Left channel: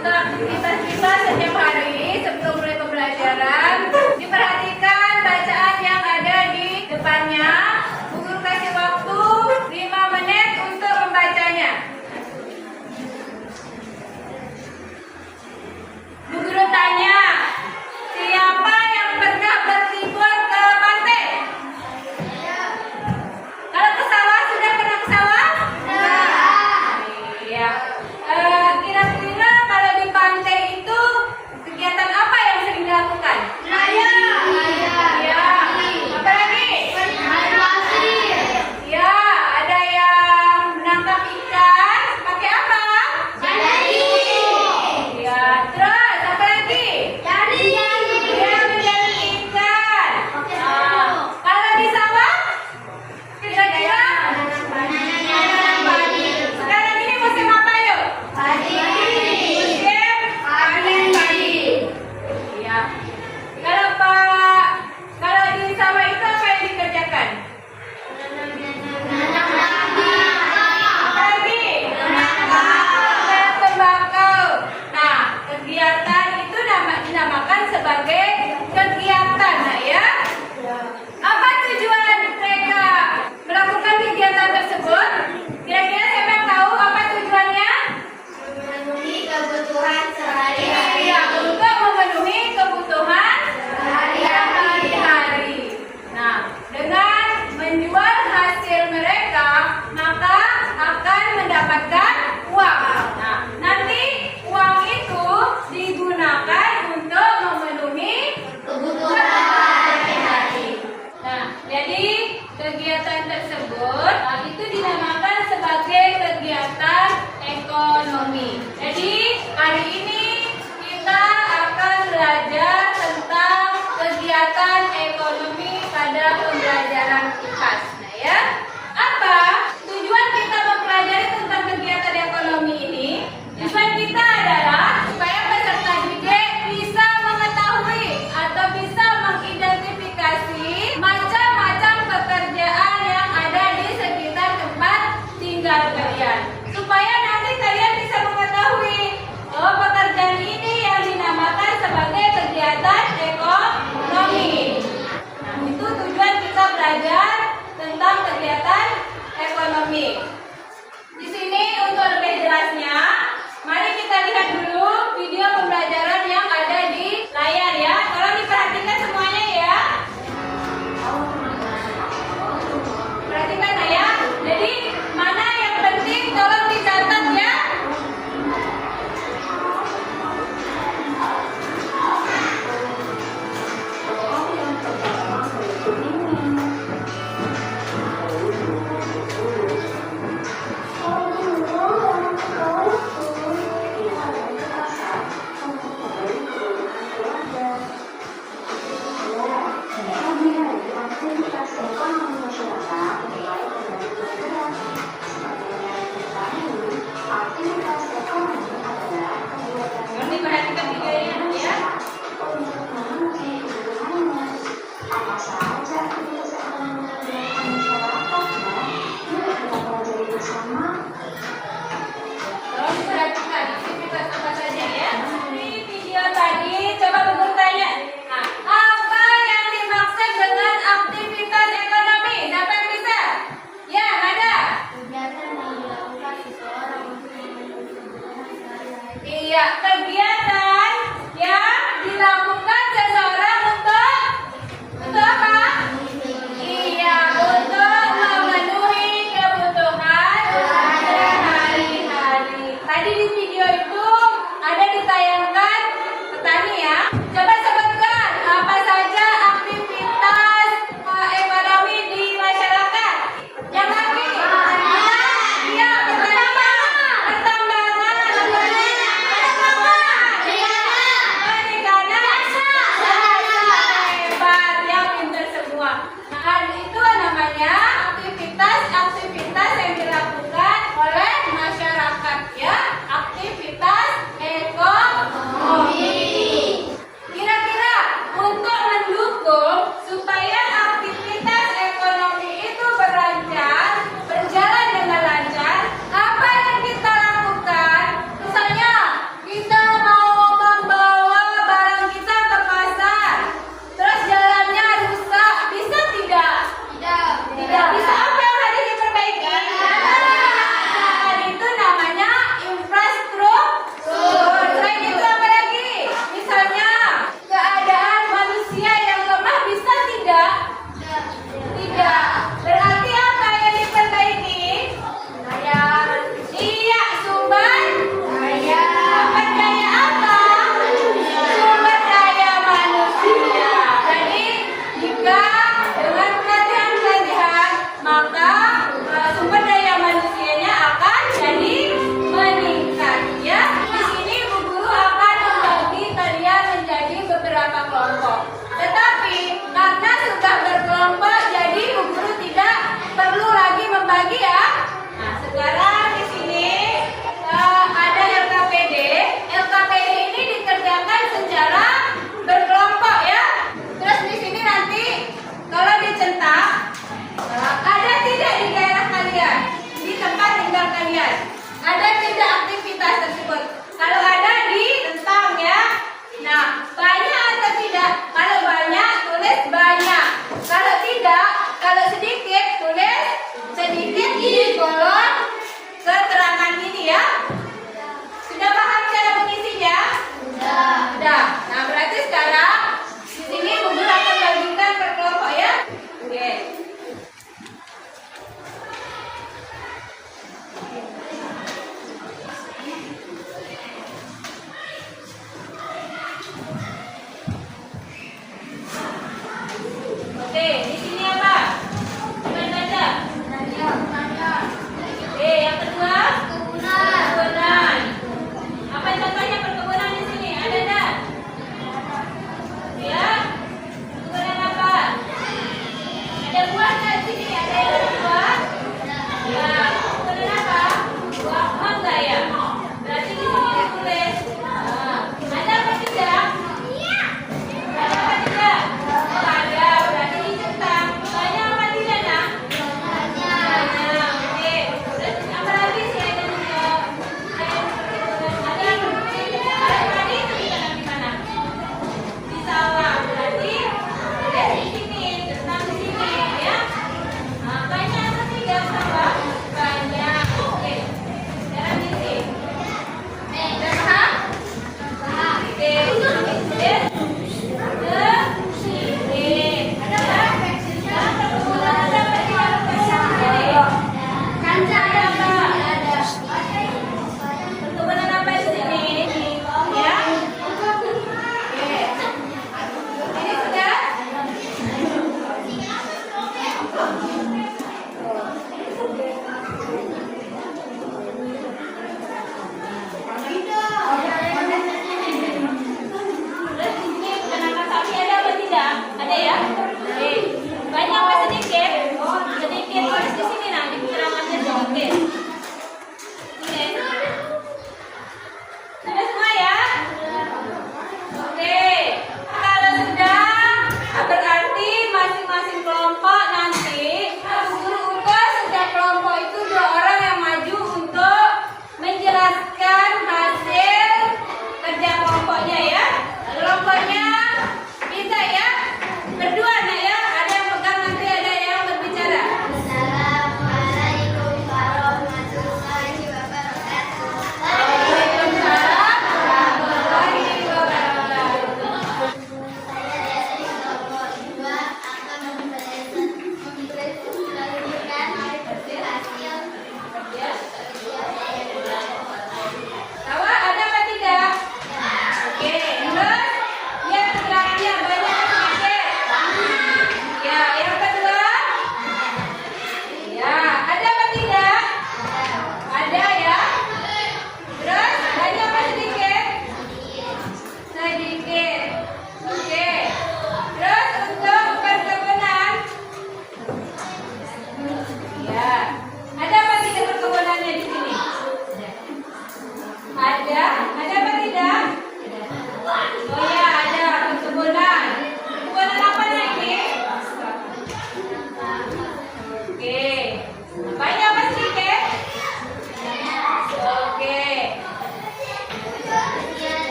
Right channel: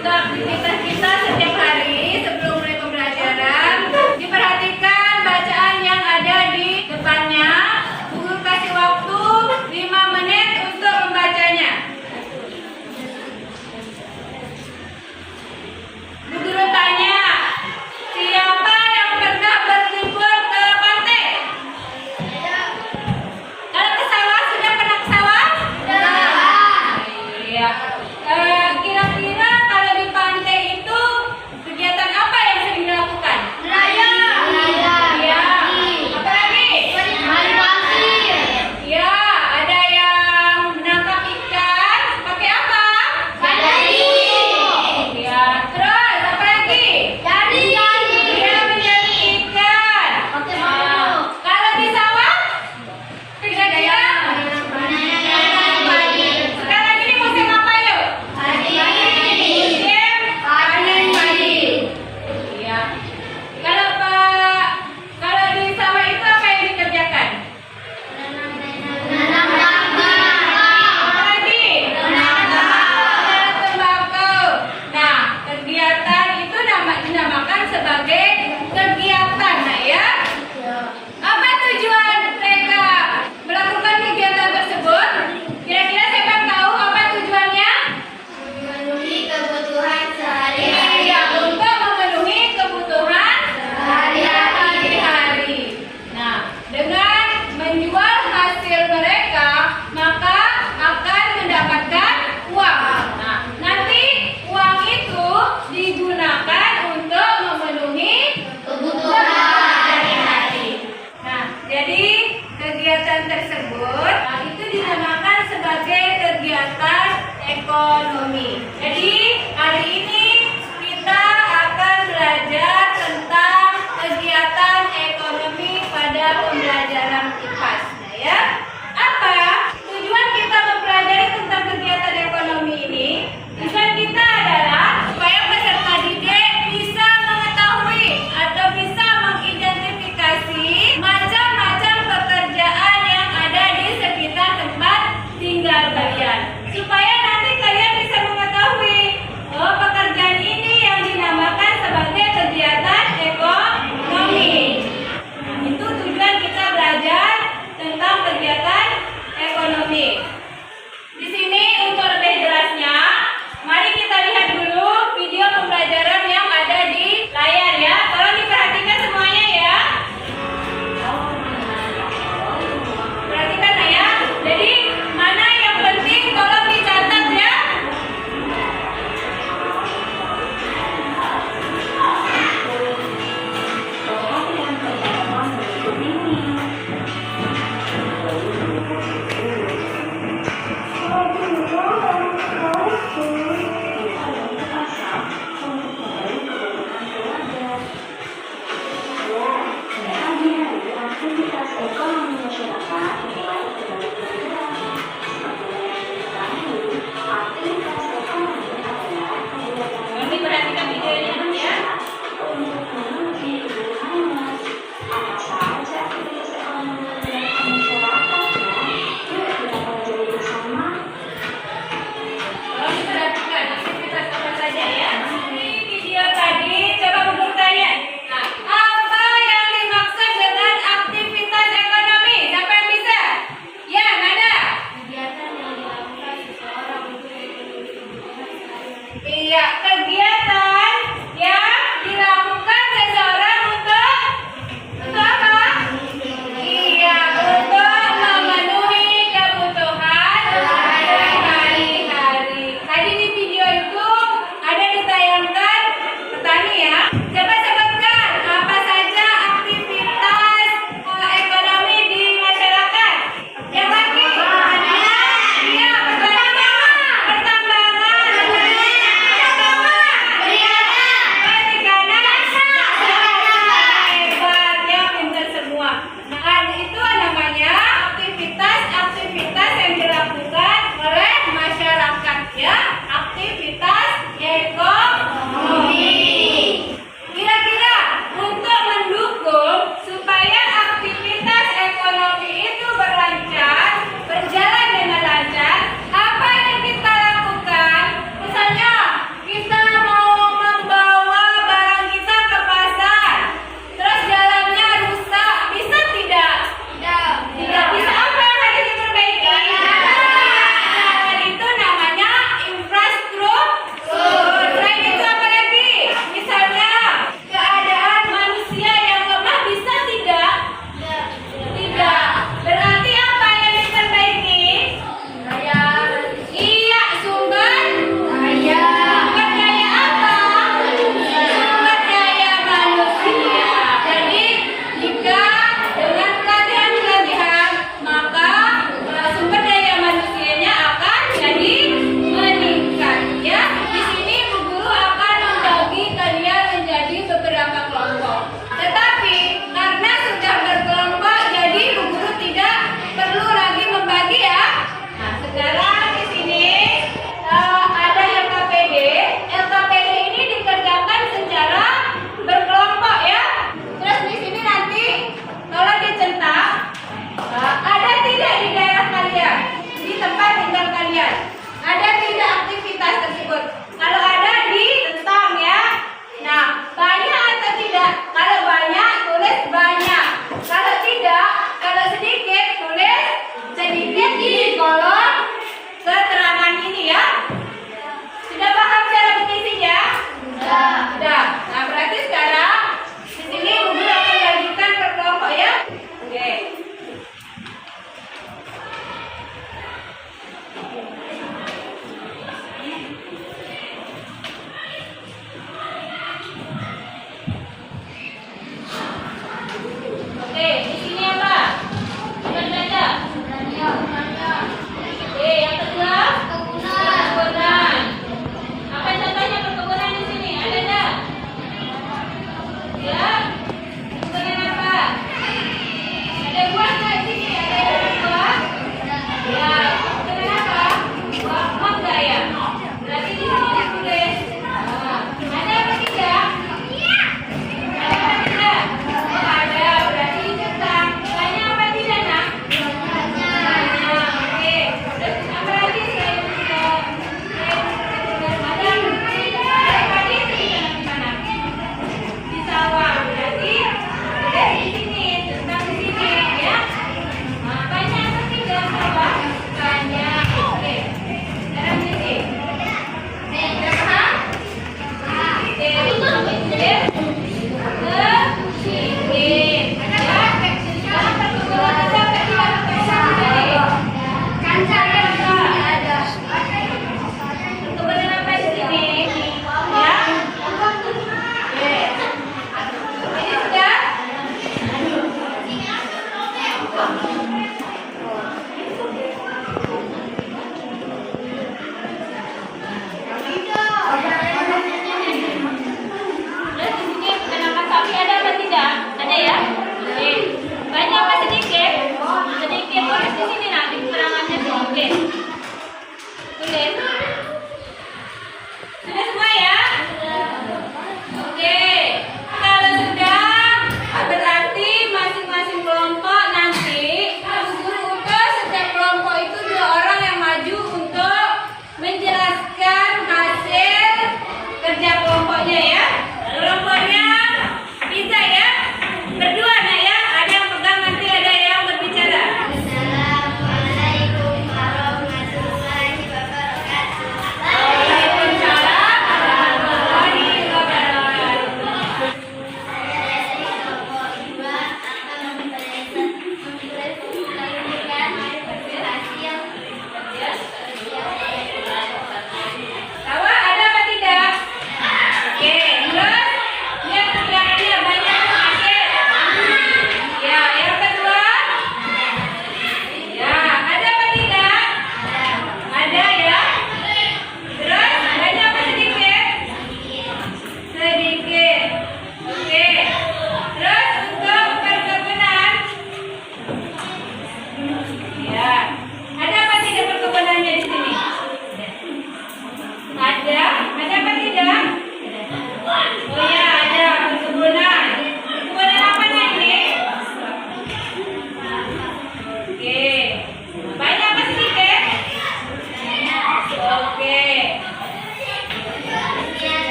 Untuk aktivitas kita setiap hari sebelum mulai pembelajaran, diperhatikan bacaan yang ada di depannya. Bu Guru kasih waktu 5 menit untuk membacanya. Bu Guru tanya, siapa yang pernah berlibur ke pantai? Kalau ke sawah, sudah pernah ke sawah? Iya. Kira-kira kalau di pantai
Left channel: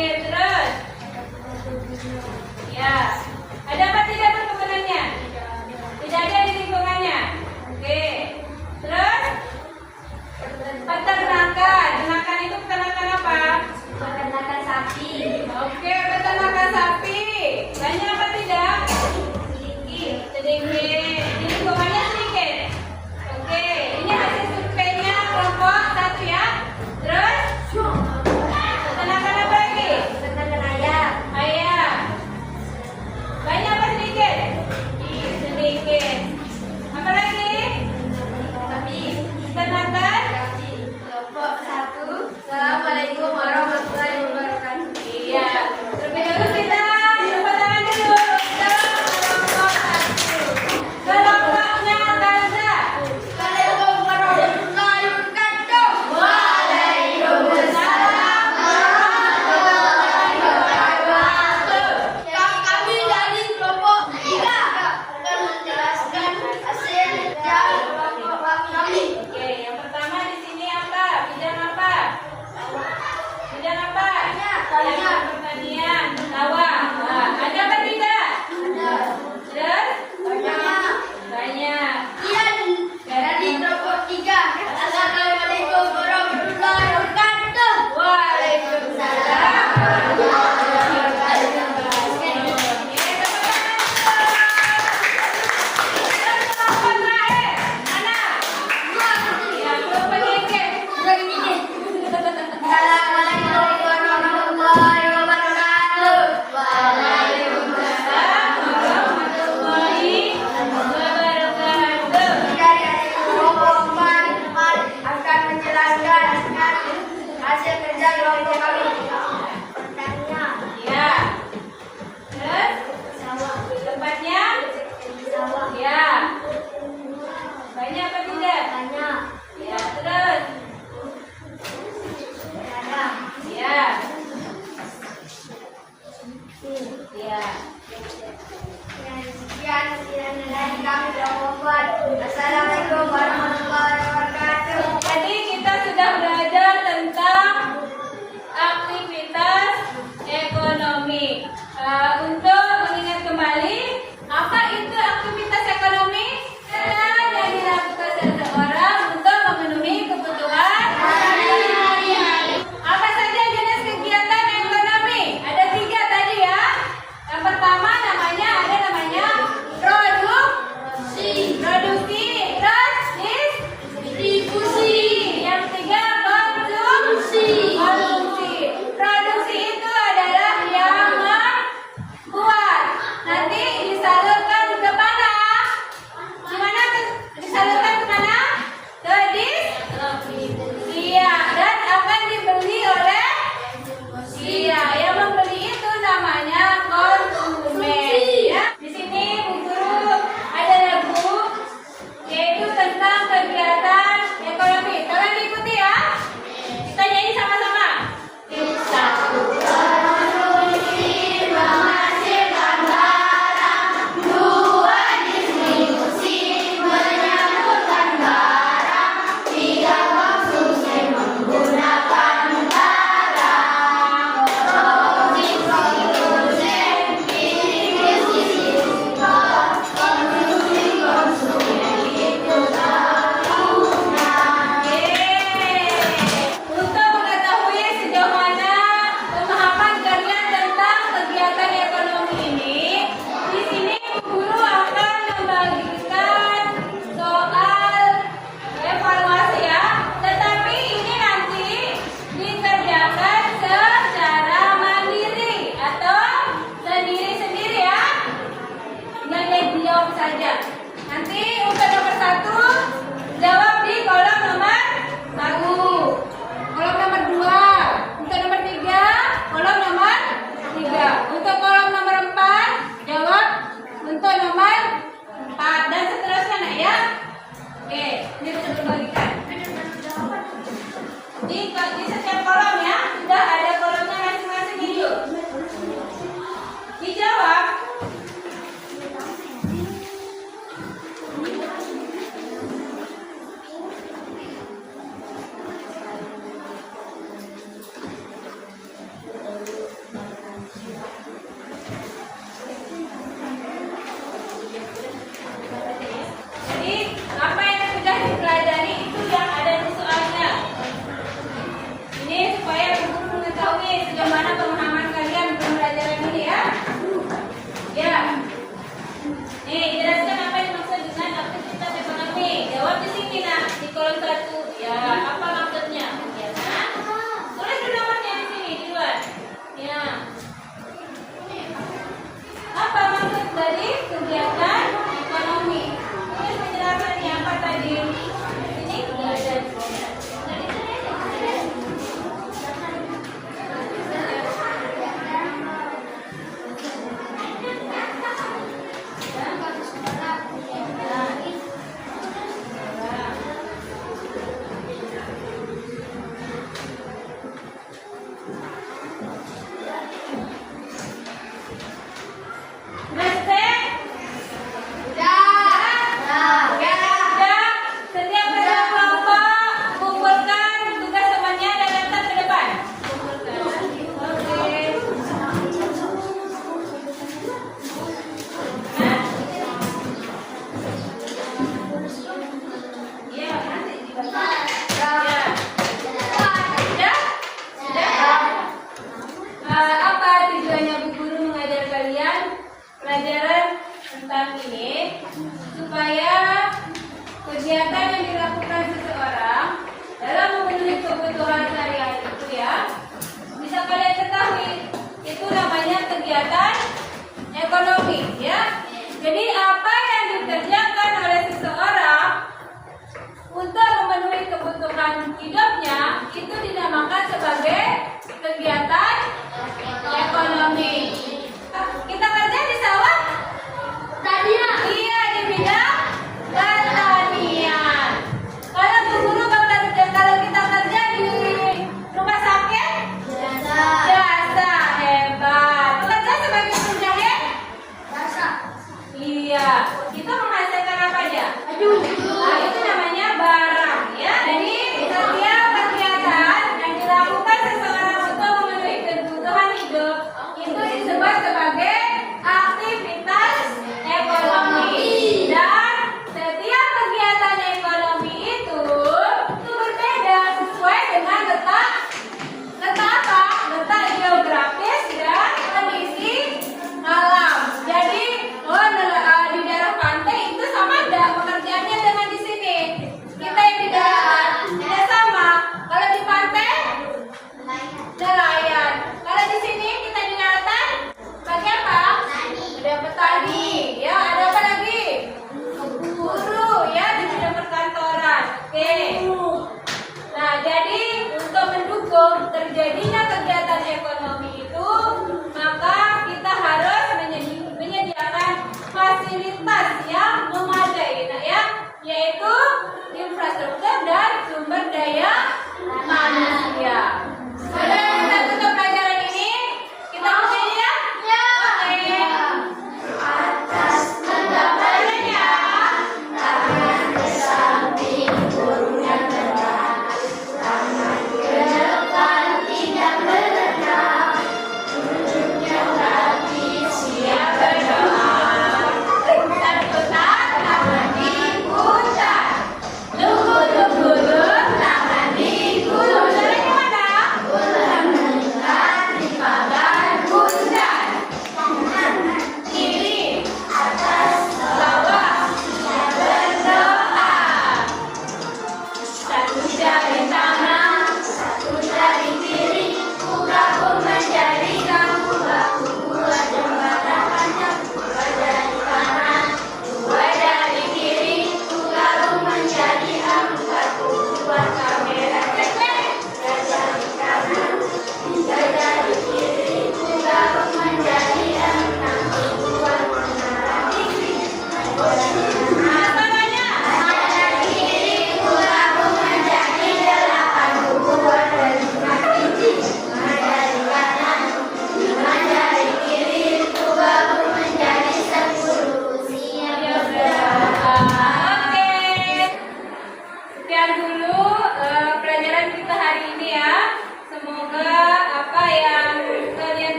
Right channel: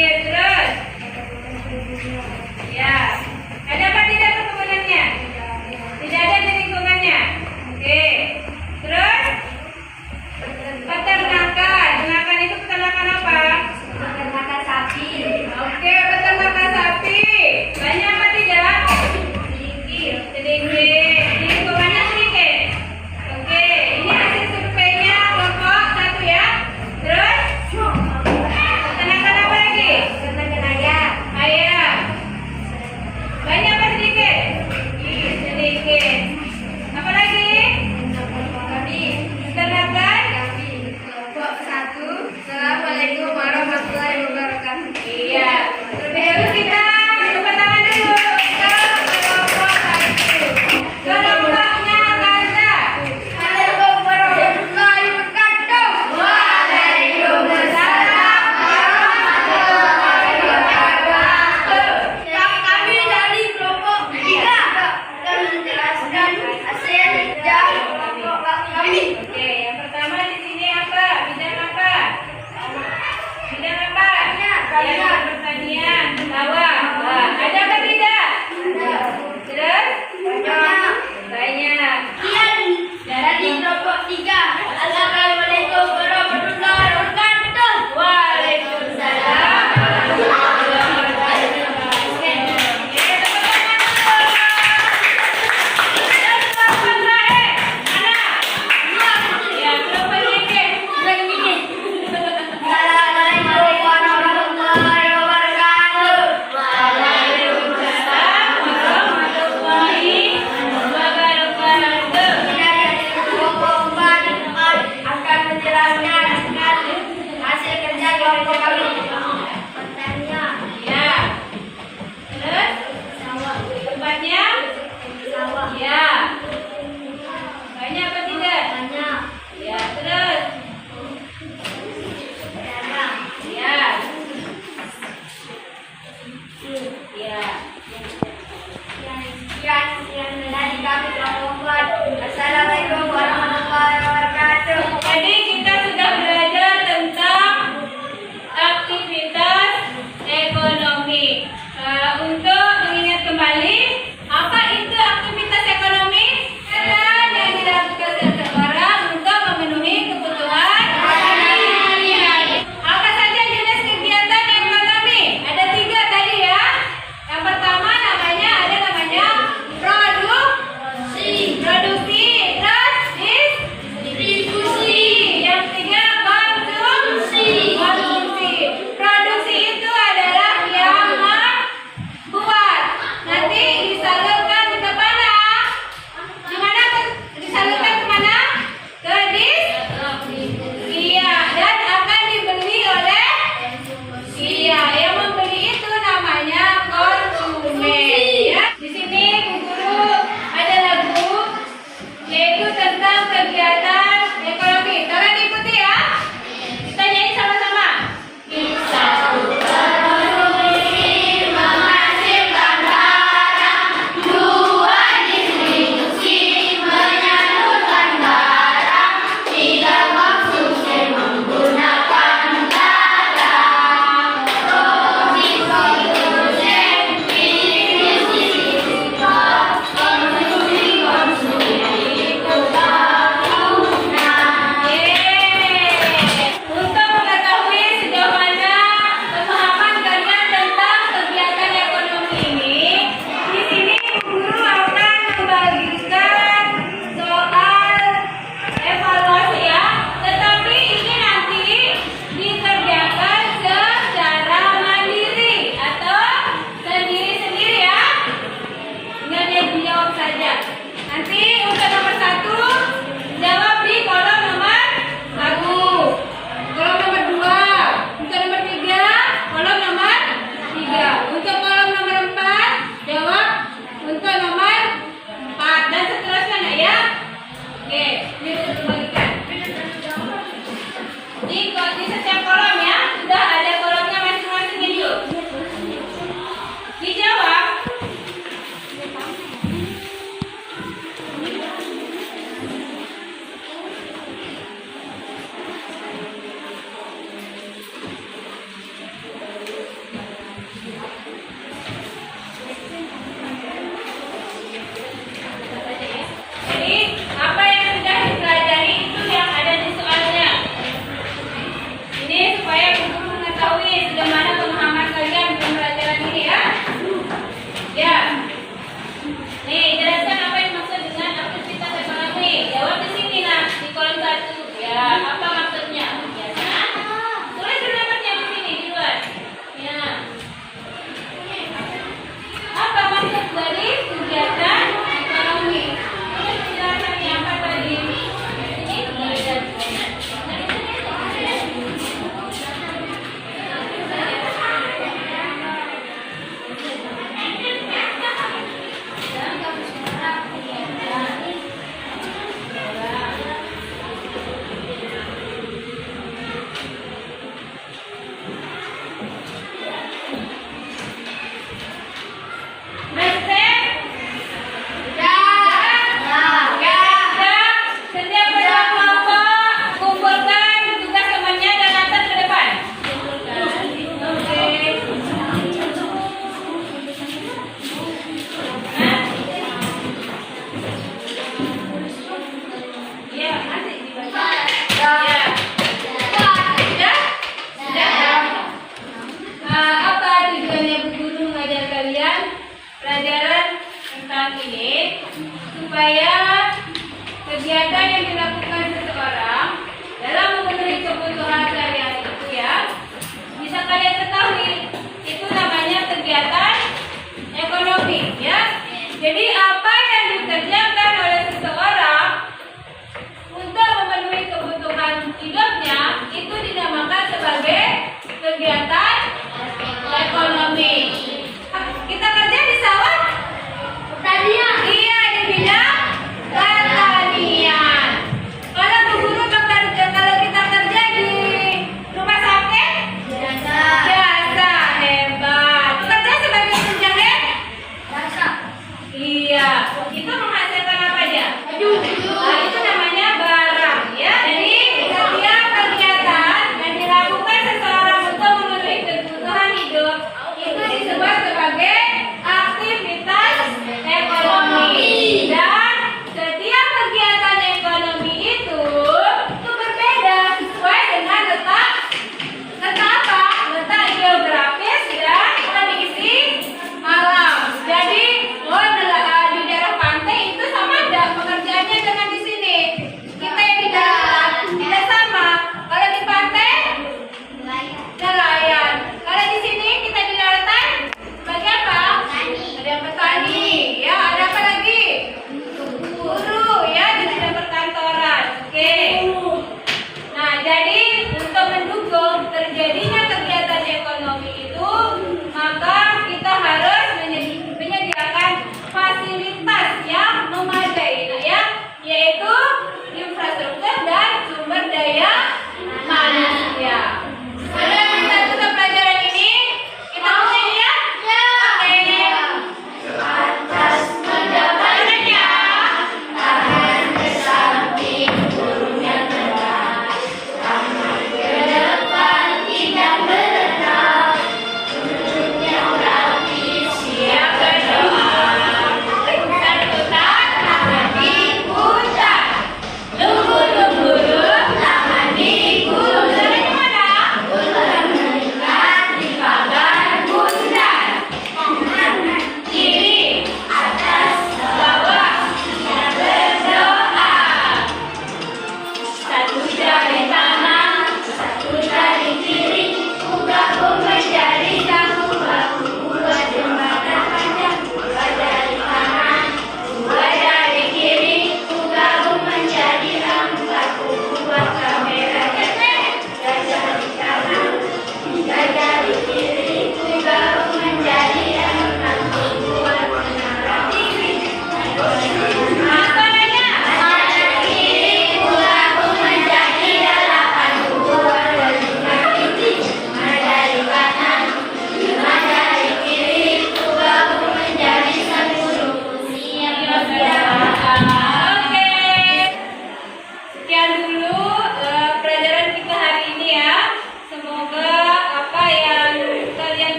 sedikit. Terus. Ya. Ada apa tidak perkebunan?nya? Tidak ada di lingkungannya. Oke. Terus peternakan. Peternakan itu peternakan apa? Peternakan sapi. Oke, peternakan sapi. Banyak apa tidak? Sedikit. Sedikit. Di lingkungannya sedikit. Oke, ini hasil surveinya kelompok 1 ya. Terus peternakan apa lagi? Peternakan ayam. Ayam. Banyak apa sedikit? Sedikit. Apa lagi? Kami. Peternakan. Kelompok 1. Assalamualaikum warahmatullahi wabarakatuh. Iya. Terlebih dahulu kita tepuk tangan dulu ke kelompok 1. Kelompoknya Gaza. Assalamualaikum warahmatullahi wabarakatuh. Waalaikumsalam warahmatullahi wabarakatuh. Kami dari kelompok 3 akan menjelaskan hasil dari kelompok kami. Oke, yang pertama di sini apa? Bidang apa? Bidang apa? Pertanian. Pertanian. Sawah. Nah, ada apa tidak? Terus? Banyak. Banyak. Dari kelompok 3. Assalamualaikum warahmatullahi wabarakatuh. Waalaikumsalam warahmatullahi wabarakatuh. Oke, tepuk tangan dulu. Dan kelompok terakhir. Mana? Ya, kelompok ini. Assalamualaikum warahmatullahi wabarakatuh. Waalaikumsalam warahmatullahi wabarakatuh. Dari kelompok 4 akan menjelaskan hasil kerja kelompok kami. Pertanian. Ya. Terus? Tempatnya? Sawah. Ya. Banyak apa tidak? Banyak. Ya, terus? Peternak. Ya. Ya. Sekian dari kami kelompok 4. Assalamualaikum warahmatullahi wabarakatuh. Tadi kita sudah belajar tentang aktivitas ekonomi. Untuk mengingat kembali, apa itu aktivitas ekonomi? Kegiatan yang dilakukan seseorang untuk memenuhi kebutuhan sehari-hari. Apa saja jenis kegiatan ekonomi? Ada 3 tadi ya. Yang pertama namanya produksi. Terus distribusi. Yang ketiga konsumsi. Produksi itu adalah yang membuat. Nanti disalurkan ke mana? Di mana disalurkan ke mana? Ke iya, dan akan dibeli oleh iya, yang membeli itu namanya konsumen ya. Di sini Bu Guru ada lagu yaitu tentang kegiatan ekonomi. Tolong diikuti ya. Kita nyanyi sama-sama. Bisa menghasilkan barang, 2 distribusi menyalurkan barang, 3 konsumsi menggunakan barang. Produksi, untuk mengetahui sejauh mana pemahaman kalian tentang kegiatan ekonomi ini, di sini Bu Guru akan membagikan soal evaluasi ya. Tetapi ini nanti dikerjakan secara mandiri atau sendiri-sendiri ya. Tinggal dijawab saja. Nanti untuk nomor 1 jawab di kolom nomor 1, kolom nomor 2, untuk nomor 3 kolom nomor 3, untuk kolom nomor 4 jawab untuk nomor 4 dan seterusnya nak ya. Oke, ini sudah dibagikan. Di setiap